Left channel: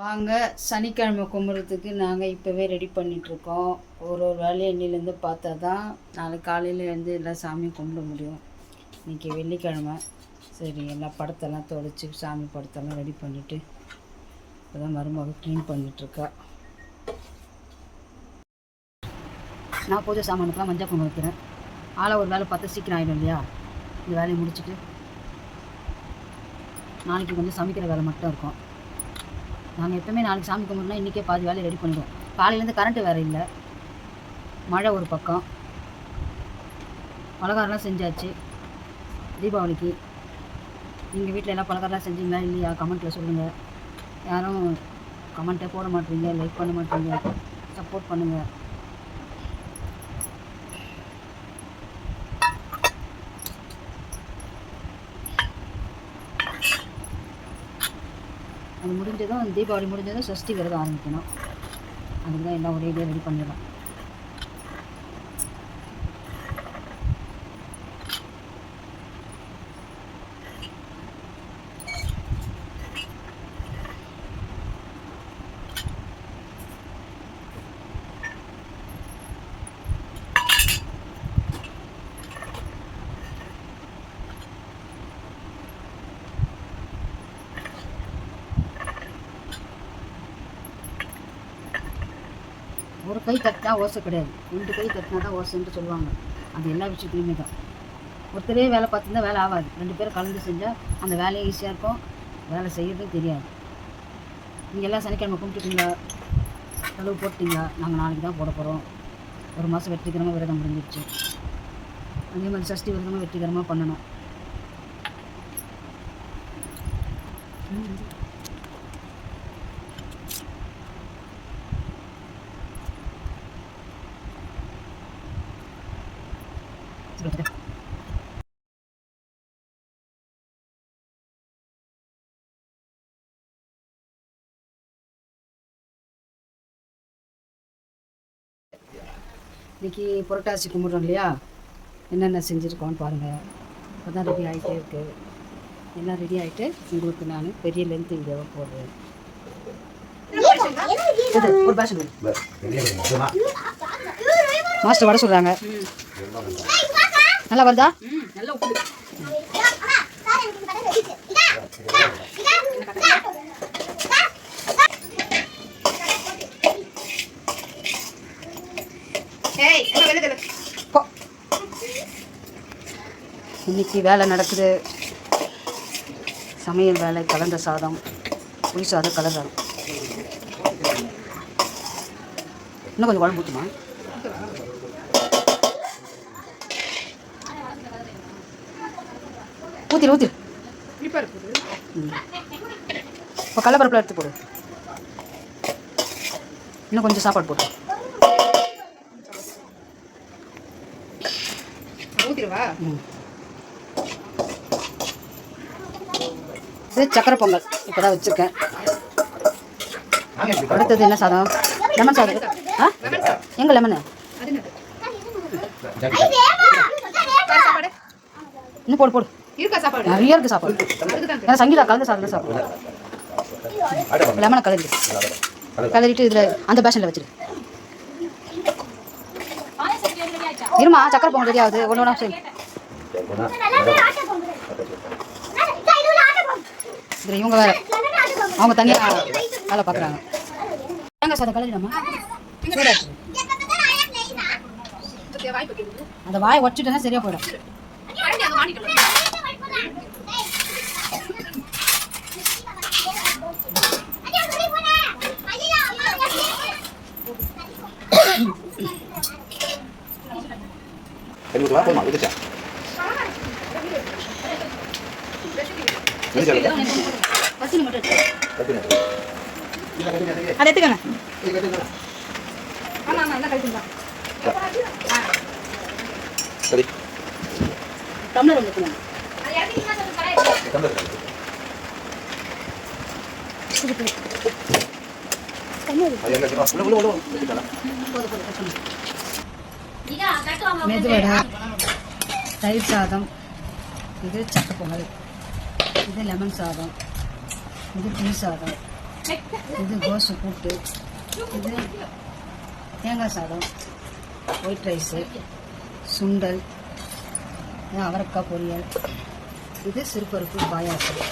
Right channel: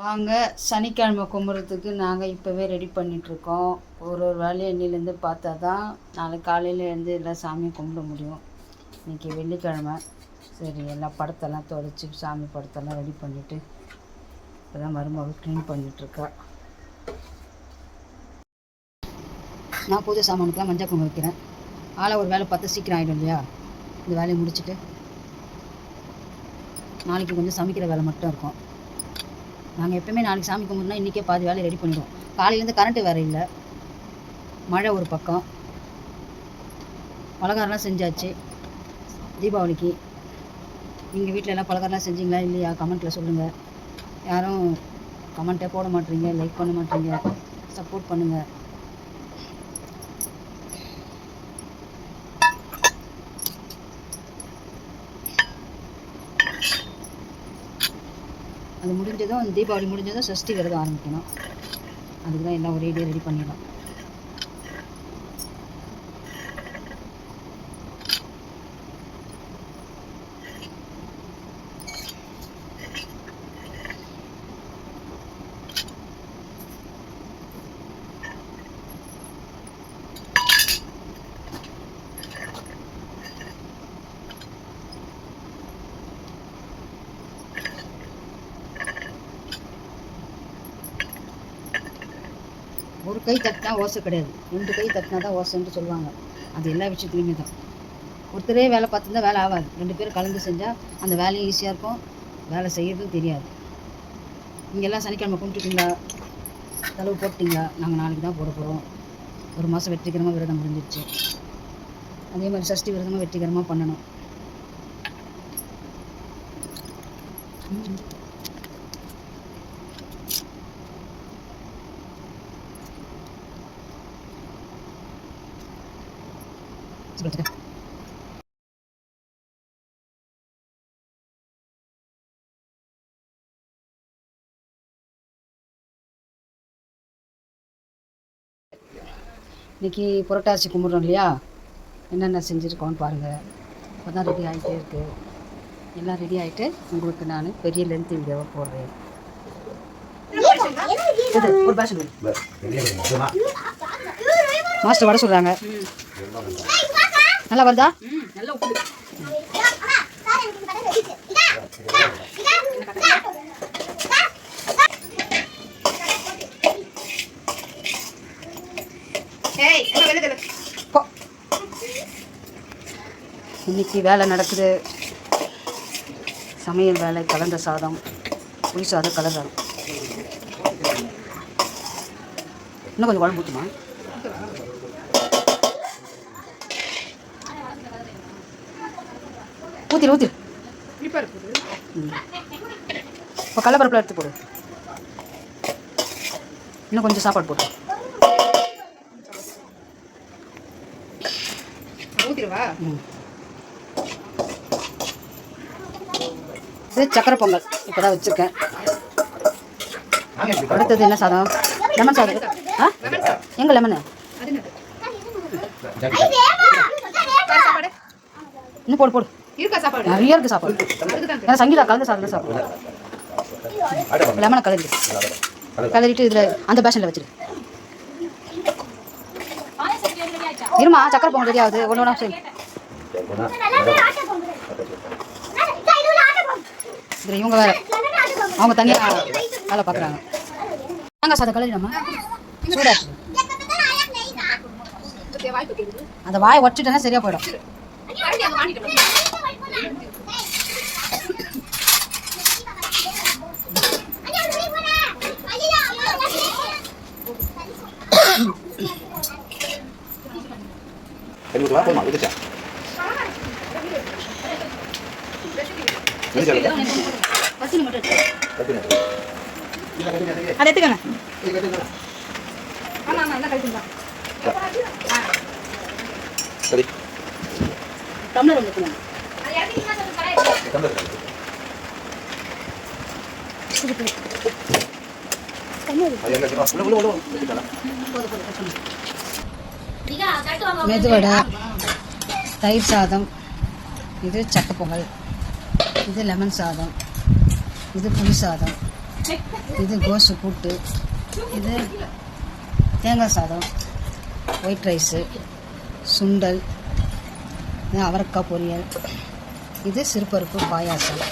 வாங்க சனிக்கிழமை கும்பிட்றதுக்கு நாங்கள் இப்போவே ரெடி பண்ணிகிட்ருக்கோம். ஒரு வேலையை இன்னிலேருந்து பார்த்தா தான் நாளைக்கு காலையில் எழுந்து எல்லா சாமியும் கும்பிட முடியும். இன்றைக்கி வெள்ளிக்கிழமை. சரி, எல்லா படத்தெல்லாம் துடைச்சி சாமி படத்தெல்லாம் ரெடி பண்ணிவிட்டு இப்போ தான் மருமகள் க்ளீன் பண்ணிகிட்ருக்கா. நான் பூஜை சாமானுக்கெலாம் மஞ்சள் குங்குமம் வைக்கிறேன். ஆளாக ஒரு வேலை பார்த்தா சீக்கிரம் ஆகிடும் இல்லையா? இந்த வேலையை முடிச்சுட்டு நாளைக்கு கொஞ்சம் சமைக்கிற வேலை மட்டும் இருக்கும். நாங்கள் எப்போயுமே நாளைக்கு சாமி கும்பிட்னா இன்றைக்கே பாதி வேலையை ரெடி பண்ணிடுவோம். காலையிலேருந்து கரண்ட்டு வேறு இல்லை, மழை ஒரு பக்கம். பலகாரம்லாம் செஞ்சாச்சு தீபாவளிக்கு. நீங்கள் வீட்டில் எல்லாம் பலகாரம்லாம் செஞ்சீங்களா இல்லையா? கமெண்ட்டில் சொல்லுங்கள். யாரும் கமெண்ட்டே போட மாட்டேறீங்க, லைக் பண்ண மாட்டேறீங்க, சப்போர்ட் பண்ணுங்கள். அது முடிஞ்சதும் தீபாவளி முடிஞ்சதும் சஷ்டி விரதம் ஆரம்பிக்கணும். அதுக்கு தான் எல்லாம் ஒரே ரெடி பண்ணிடலாம். ஒரு கை தட்டினா ஓசை கிடையாது, 2 கை தட்டினா தான் ஓசைன்ட்டு சொல்லுவாங்க. அது எல்லா விஷயத்துலையுமே தான். ஒருத்தரே வேலை பார்த்துருந்தா வேலை ஆகாது. 2 பேரும் கலந்து செஞ்சால் அந்த வேலையும் ஈஸியாக இருக்கும், வேலை செய்கிறதும் தெரியாது. நீங்கள் எல்லாம் சனிக்கிழமை கும்பிட்டுட்டீங்களா? செலவு போட்டிங்களா? நாங்கள் நாளைக்கு தான் போட போகிறோம். ஒரு மாதம் வெற்றிகரமாக விரதம் முடிஞ்சிடுச்சு. அதே மாதிரி சஷ்டி விரதமாக வெற்றிகரமாக பண்ணணும். இன்றைக்கி புரட்டாசி கும்பிட்றோம் இல்லையா? என்னென்ன செஞ்சுருக்கோன்னு பாருங்கள். இப்போ தான் ரெடி ஆகிட்டே இருக்குது. எல்லாம் ரெடி ஆகிட்டு உங்களுக்கு நான் பெரிய லென்த் வீடியோவை போடுறேன். ஒரு பேஷன் மாஸ்டர் வர சொல்கிறாங்க. நல்லா வருதா? நல்லா இன்னைக்கு வேலை நடக்குது. சமையல் வேலை, கலந்த சாதம், புளி சாதம், கலர் சாதம். இன்னும் கொஞ்சம் குழம்பு ஊற்றுமா? ஊற்றிடு. இப்போ கடலப்பருப்பில் எடுத்து போடு. இன்னும் கொஞ்சம் சாப்பாடு போடு. இது சக்கரை பொங்கல் இப்போ தான் வச்சுருக்கேன். அடுத்தது என்ன சாதம்? லெமன் சாதம். எங்கே லெமனு? இன்னும் போடு. நிறைய இருக்குது சாப்பாடு. ஏன்னா சங்கீதா கலந்து சாதம் சாப்பிடுவோம். லெமனை கலரிட்டு இதில் அந்த பேஷனில் வச்சுரு. இருமா, சக்கரை பொங்கல் ரெடி ஆகுது. ஒன்று சரி. இதில் இவங்க வேறு, அவங்க தனியாக வேலை பார்க்குறாங்க. தேங்காய் சாதம் கலரிடாமா? சூடாச்சு. அந்த வாயை உடச்சிட்டேன்னா சரியாக போயிடும். அதை எடுத்துக்கங்க. டம்ளர் வந்துக்கணும். மெதுவடை, தயிர் சாதம், இது சக்கை பொங்கல், இது லெமன் சாதம், இது புளி சாதம், இது கோசு கூட்டு, இது தேங்காய் சாதம், ஒயிட் ரைஸு, சுண்டல், இது அவரைக்காய் பொரியல், இது சிறுபருப்பு பாயாசம்.